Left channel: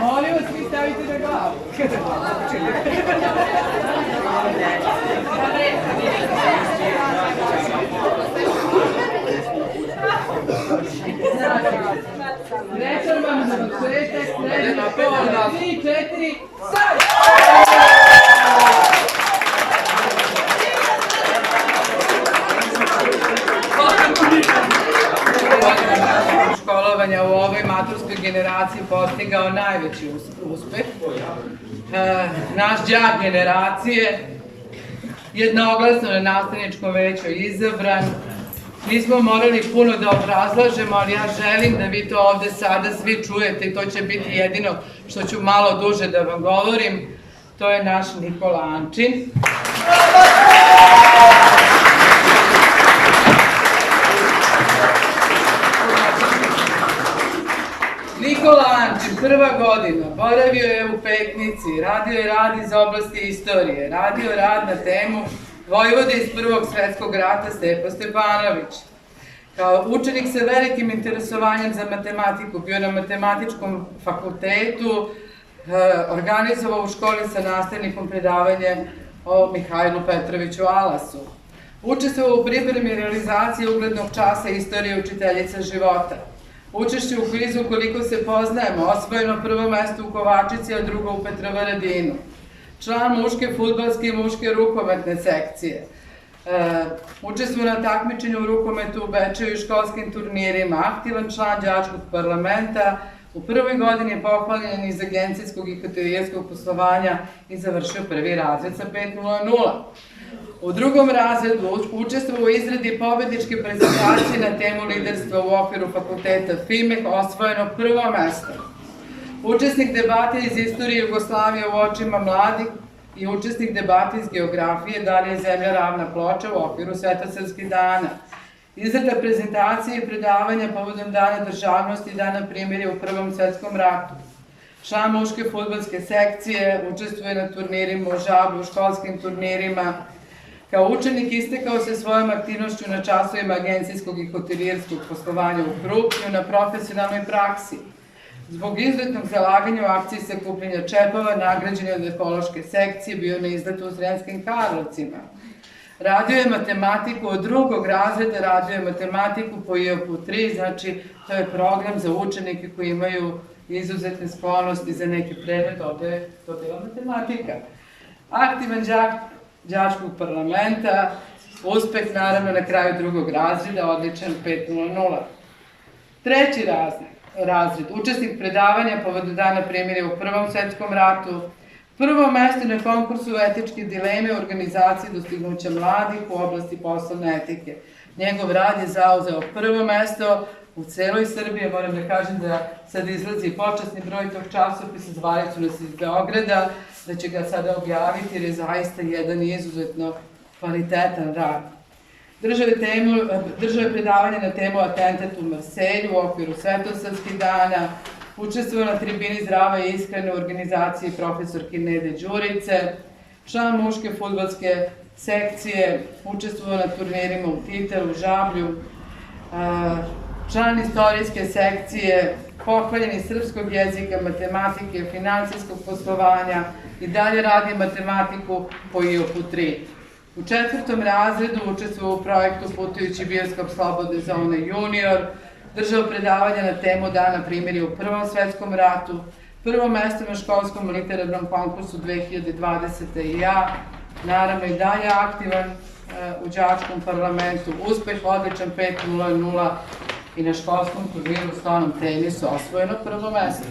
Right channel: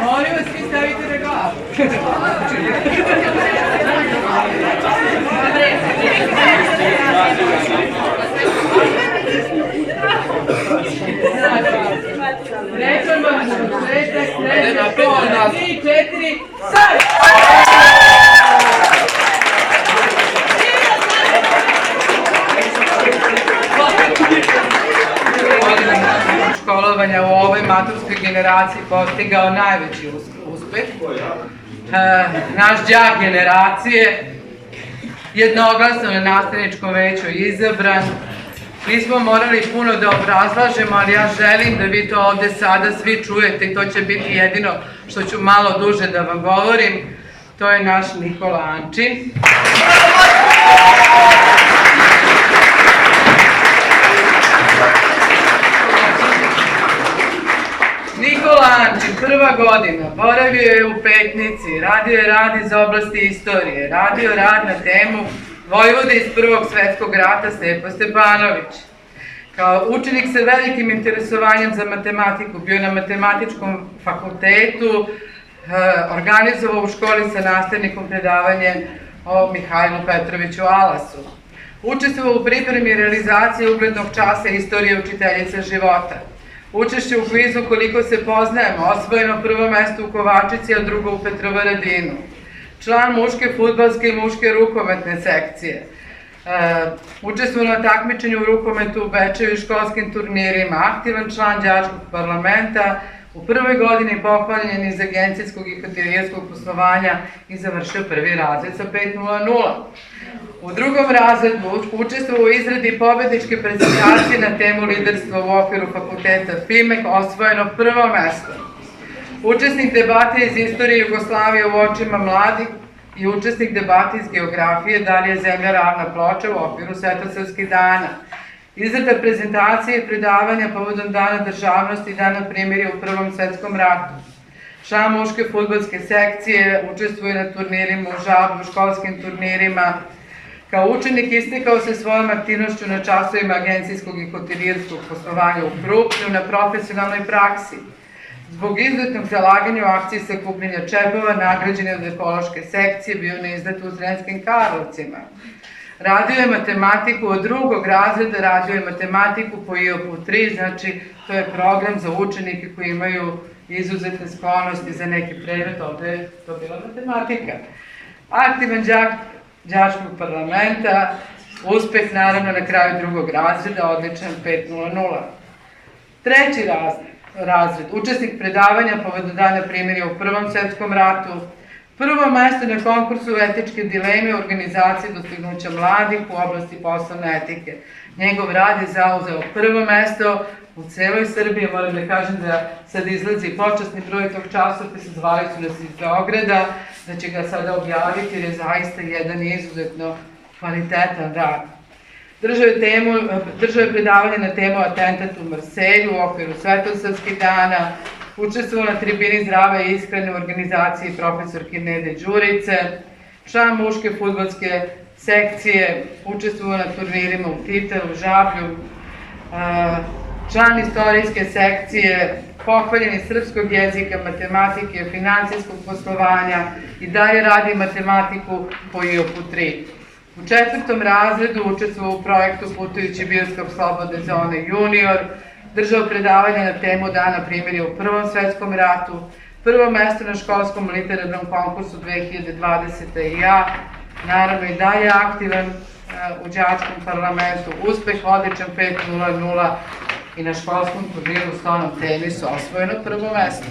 Molim vas, vi stavite na glavu. Reforma, svetak, srednja škola, 3, 4, sad! Školovanja u ovoj maturskoj generaciji postigao najveći uspeh. Naš đak generacije jednoglasno na nastavničkom veću izabran. Nismo morali puno da obrazlažemo, ali ja želim da vi to ovde sada svi čujete i to će biti jedino što ću malo duže da vam govorim. To je naš Nikola Ančin. Nikola Ančin, prva godina, boravio je u Petnici, radio je rad iz oblasti istorije, radio rad na temu Vojvode iz Prvog svetskog rata Stepa Stepanović. Kao učenik sa velikim interesovanjem za matematiku, bio na matematičkom fakultetu, organizovao u školi sa nastavnikom predavanje o Mihajlu Petroviću Alasu. Učestvovao u pripremi i realizaciji uglednog časa Istorije učiteljice života. Učešće u kvizu Koliko se poznajemo, osvojeno prvo mesto u Kovačici, a drugo u Petrovaradinu. Član muške fudbalske i muške rukometne sekcije. Učestvovao na takmičenju u rukometu u Bečeju i školskim turnirima. Aktivan član đačkog parlamenta. U prvoj godini pohvaljen iz agencijskog i hotelijerskog poslovanja i završio prvi razred sa 5.00. U drugom razredu učestvovao u izradi pobedničke prezentacije na temu liderstva u okviru fakulteta FIMEK, osvojeno prvo mesto. Učesnik debate iz istorije Jugoslavije u očima mladih i učesnik debate iz geografije Da li je zemlja ravna ploča u okviru Svetosavskih dana. Izrada prezentacije i predavanja povodom Dana državnosti i Dana primirja u Prvom svetskom ratu. Član muške fudbalske sekcije, učestvuje na turnirima u Žablju, školskim turnirima. Kao učenik istekao se svojom aktivnošću na časovima agencijskog i hotelijerskog poslovanja u Krupnju na profesionalnoj praksi. Zbog izuzetnog zalaganja u akciji sakupljanja čepova, nagrađen je od ekološke sekcije, bio na izletu u Sremskim Karlovcima. Radio je matematiku od drugog razreda, radio je matematiku po IOP-u 3, znači to je program za učenike koji imaju izuzetne sklonosti za neki predmet, ovde je to bila matematika. Aktivan đak đačkog parlamenta, uspeh naravno na kraju drugog razreda, odličan 5.00. Treći razred, učesnik predavanja povodom Dana primirja u Prvom svetskom ratu, prvo mesto na konkursu etičke dileme organizacije dostignuća mladih u oblasti poslovne etike. Njegov rad je zauzeo prvo mesto u celoj Srbiji. Moram da kažem da sad izlazi počasni broj tog časopisa, zvali su nas iz Beograda, da će ga sada objaviti jer je zaista jedan izuzetno kvalitetan rad. Držao je predavanje na temu atentat u Marselju u okviru Svetosavskih dana, učestvovao na tribini Zdrave i iskrene u organizaciji profesorke Nede Đurice, član muške fudbalske sekcije, učestvovao na turnirima u Titeru, Žablju, član istorijske sekcije, pohvaljen iz srpskog jezika, matematike, finansijskog poslovanja i dalje radi matematiku po IOP-u 3. U četvrtom razredu učestvovao u projektu Putujući bioskop Slobodne zone junior, držao predavanja na temu Dana primirja u Prvom svetskom ratu, prvo mesto na školskom literarnom konkursu 2020. i ja, naravno i dalje aktivan u đačkom parlamentu, uspeh odličan 5.00 i na školskom turniru u stonom tenisu osvojeno prvo mesto.